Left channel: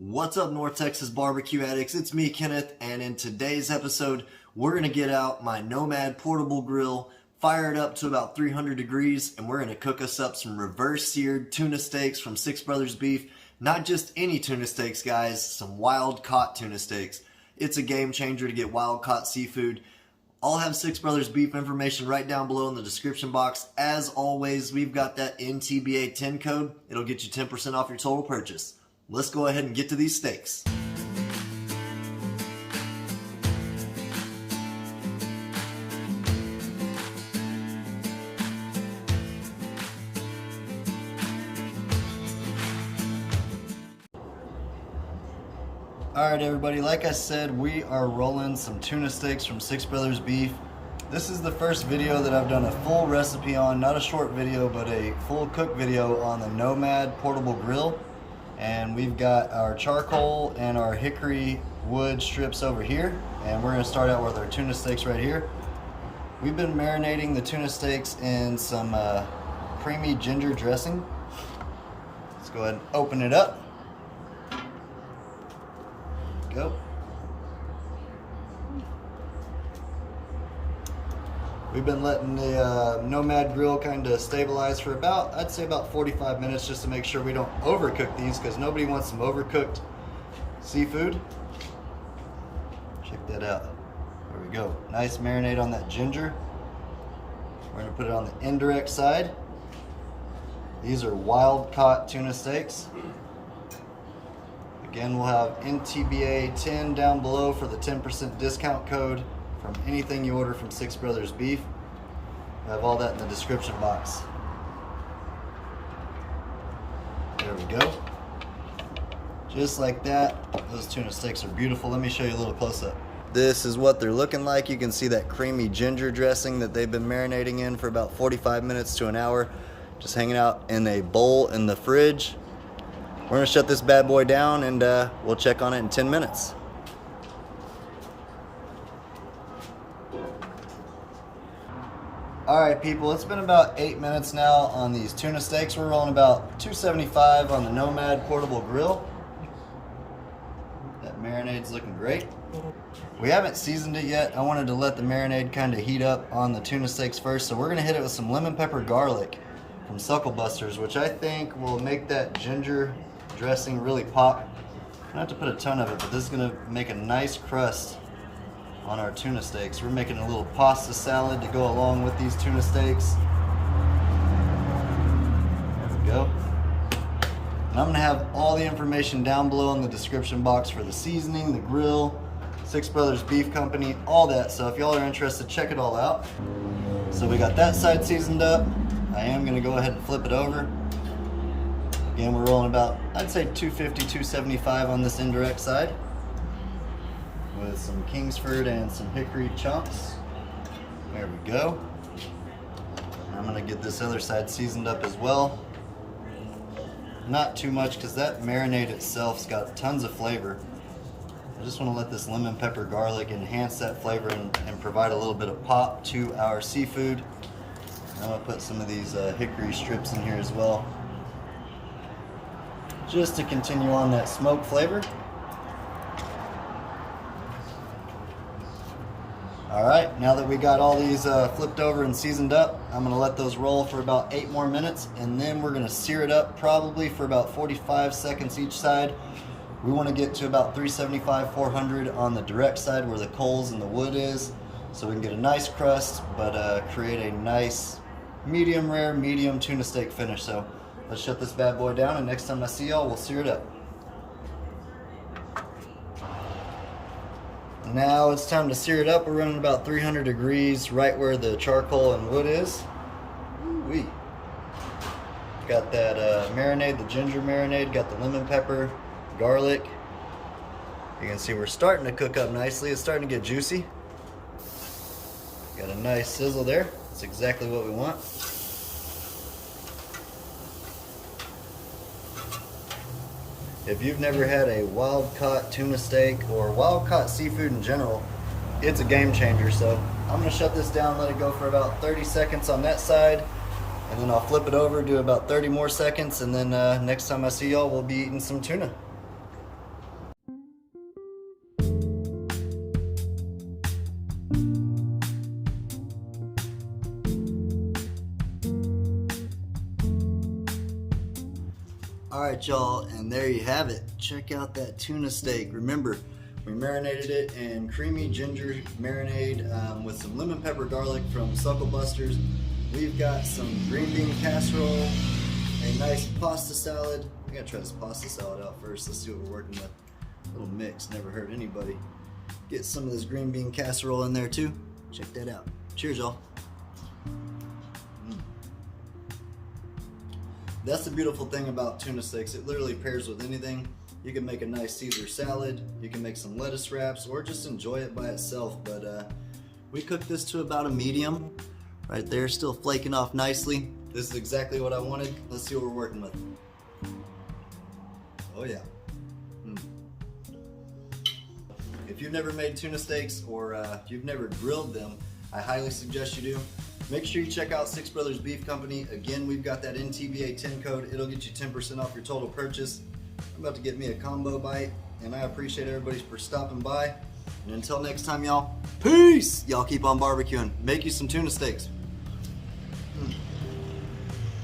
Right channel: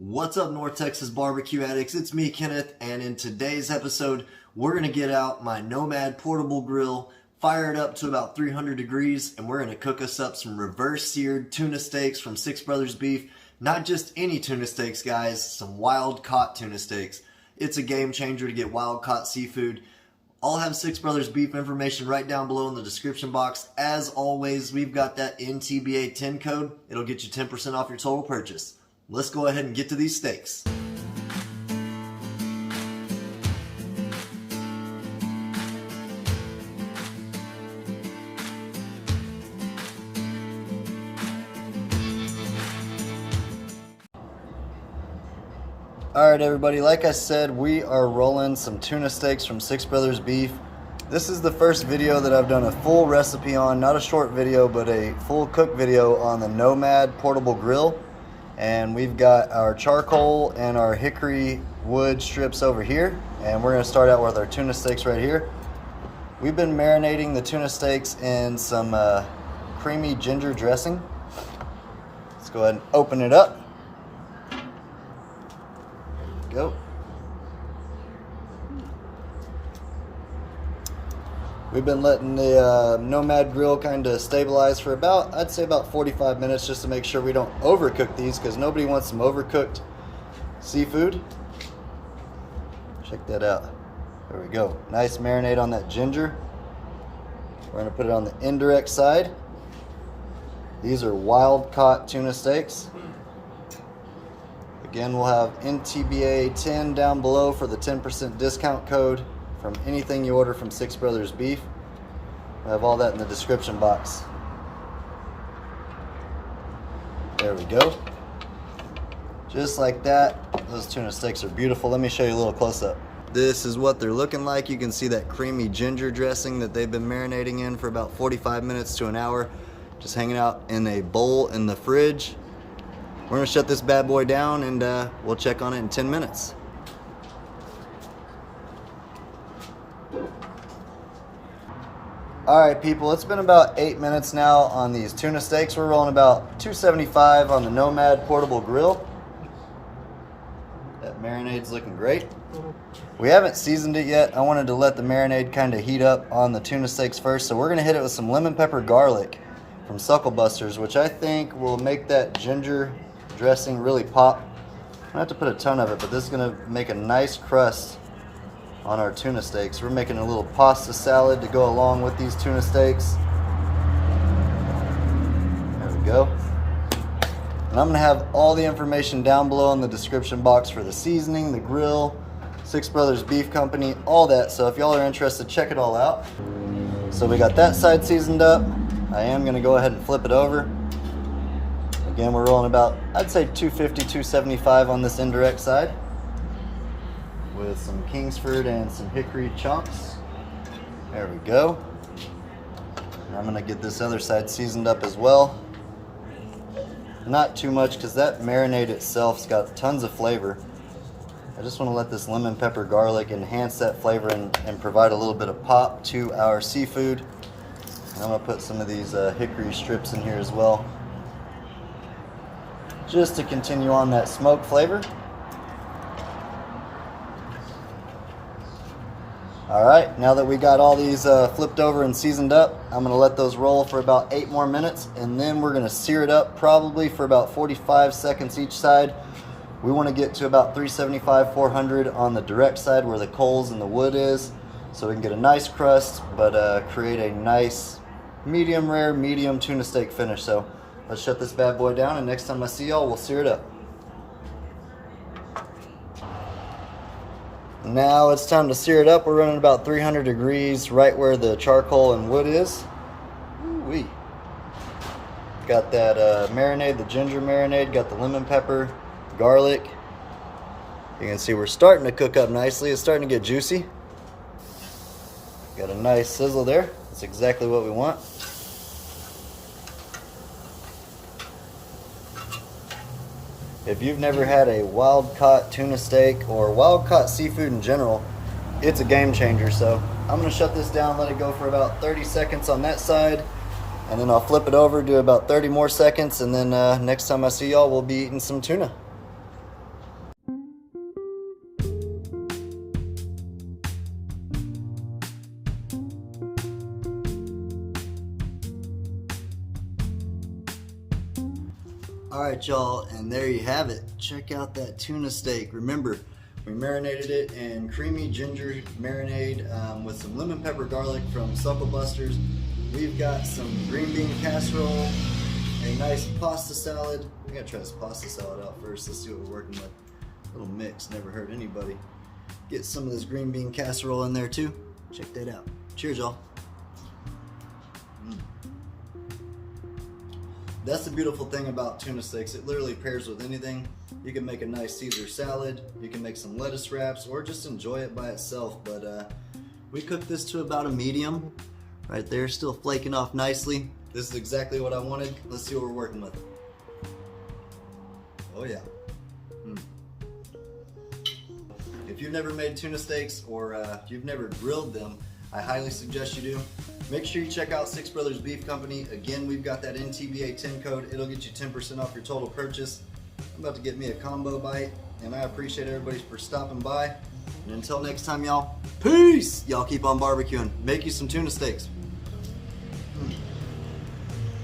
What's up, North Texas barbecue addicts? It's me, Kenneth, and in today's episode, we're going to get out my Nomad portable grill, fire it up to about 300 degrees, and we're going to cook us up some reverse seared tuna steaks from Six Brothers Beef. Not just any tuna steaks, guys, some wild caught tuna steaks. It's a game changer to get wild caught seafood. I'll have Six Brothers Beef information right down below in the description box. As always, we've got that NTBA 10 code. It'll get you 10% off your total purchase. Let's go ahead and get to these steaks. Alright everybody, like I said, we are rolling some tuna steaks from Six Brothers Beef. This is the first video that I've done a full recipe on, not a short video, but a full cook video on the Nomad portable grill. And we've got our charcoal and our hickory wood strips over here. And we're going to start out with our tuna steaks right here. We've been marinating the tuna steaks in some creamy ginger dressing. Let's go ahead and open it up. There we go. We've been letting the Nomad grill kind of stabilize for about, I'd say about 45 minutes, just to make sure we don't overcook these, because nobody wants some overcooked seafood. Check that out. There we go. Nice marinade on that ginger. We're going to put it on the indirect side. These are wild caught tuna steaks. Again, we'll have NTBA 10 down below for the 10% discount code from anything you order from Six Brothers Beef. I have all that in the description box. There we go. Just like that. Those tuna steaks are beautiful. Let me show you a little close-up. This is what they're looking like. You can see that creamy ginger dressing that they've been marinating in for about 45 minutes to an hour, just hanging out in a bowl in the fridge. We're gonna shut this bad boy down and we'll check on it in 10 minutes. Alright people, it's been about 8 minutes now on these tuna steaks. We're rolling about 275 on the Nomad portable grill. That marinade's looking great. We haven't seasoned it yet. I wanted to let the marinade kind of heat up on the tuna steaks first, so we're gonna hit it with some lemon pepper garlic from Suckle Busters, which I think will make that ginger dressing really pop. I don't have to put a ton of it, but this is gonna make a nice crust on our tuna steaks. We're making a little pasta salad to go along with these tuna steaks. There we go. And I'm gonna have all the information down below in the description box for the seasoning, the grill, Six Brothers Beef Company, all that. So if y'all are interested, check it all out. So we got that side seasoned up. I am gonna go ahead and flip it over. Again, we're rolling about, I'd say 250, 275 on this indirect side, with some Kingsford and some hickory chunks. There we go. And I'm gonna get this other side seasoned up as well. Not too much, because that marinade itself's got tons of flavor. I just want to let this lemon pepper garlic enhance that flavor and provide a little bit of pop to our seafood. And I'm gonna put some of these hickory strips in here as well, just to continue on that smoke flavor. Alright, now that we got all these flipped over and seasoned up, I'm going to let those roll for about 8 more minutes, and then we're going to sear it up probably for about 45 seconds each side. We want to get to about 375, 400 on the direct side where the coals and the wood is, so we can get a nice crust, but create a nice medium rare, medium tuna steak finish. So let's shut this bad boy down, and next time I see y'all, we'll sear it up. Now it's time to sear it up. We're running about 300 degrees right where the charcoal and wood is. Ooh-wee. Got that marinade, the ginger marinade, got the lemon pepper, garlic. You can see we're starting to cook up nicely. It's starting to get juicy. Got a nice sizzle there. That's exactly what we want. If you've never had a wild-caught tuna steak or wild-caught seafood in general, it's a game changer. So I'm going to shut this down, let it go for about 30 seconds on that side, and then I'll flip it over, do about 30 more seconds, and then next time I see y'all, we'll be eating some tuna. right, y'all, and there you have it. Check out that tuna steak. Remember, we marinated it in creamy ginger marinade with some lemon pepper garlic from Suckle Busters. We've got some green bean casserole, a nice pasta salad. I gotta try this pasta salad out first. Let's see what we're working with. A little mix, never hurt anybody. Get some of this green bean casserole in there too. Check that out. Cheers, y'all. That's the beautiful thing about tuna steaks. It literally pairs with anything. You can make a nice Caesar salad, you can make some lettuce wraps, or just enjoy it by itself. But we cooked this to about a medium. Right there, still flaking off nicely. This is exactly what I wanted. Let's see what we're working with. Oh yeah. If you've never made tuna steaks, or if you've never grilled them, I highly suggest you do. Make sure you check out Six Brothers Beef Company. Again, we've got that NTBA 10 code. It'll get you 10% off your total purchase. I'm about to get me a combo bite, and I appreciate everybody for stopping by. And until next time, y'all, peace! Y'all keep on barbecuing. Make you some tuna steaks.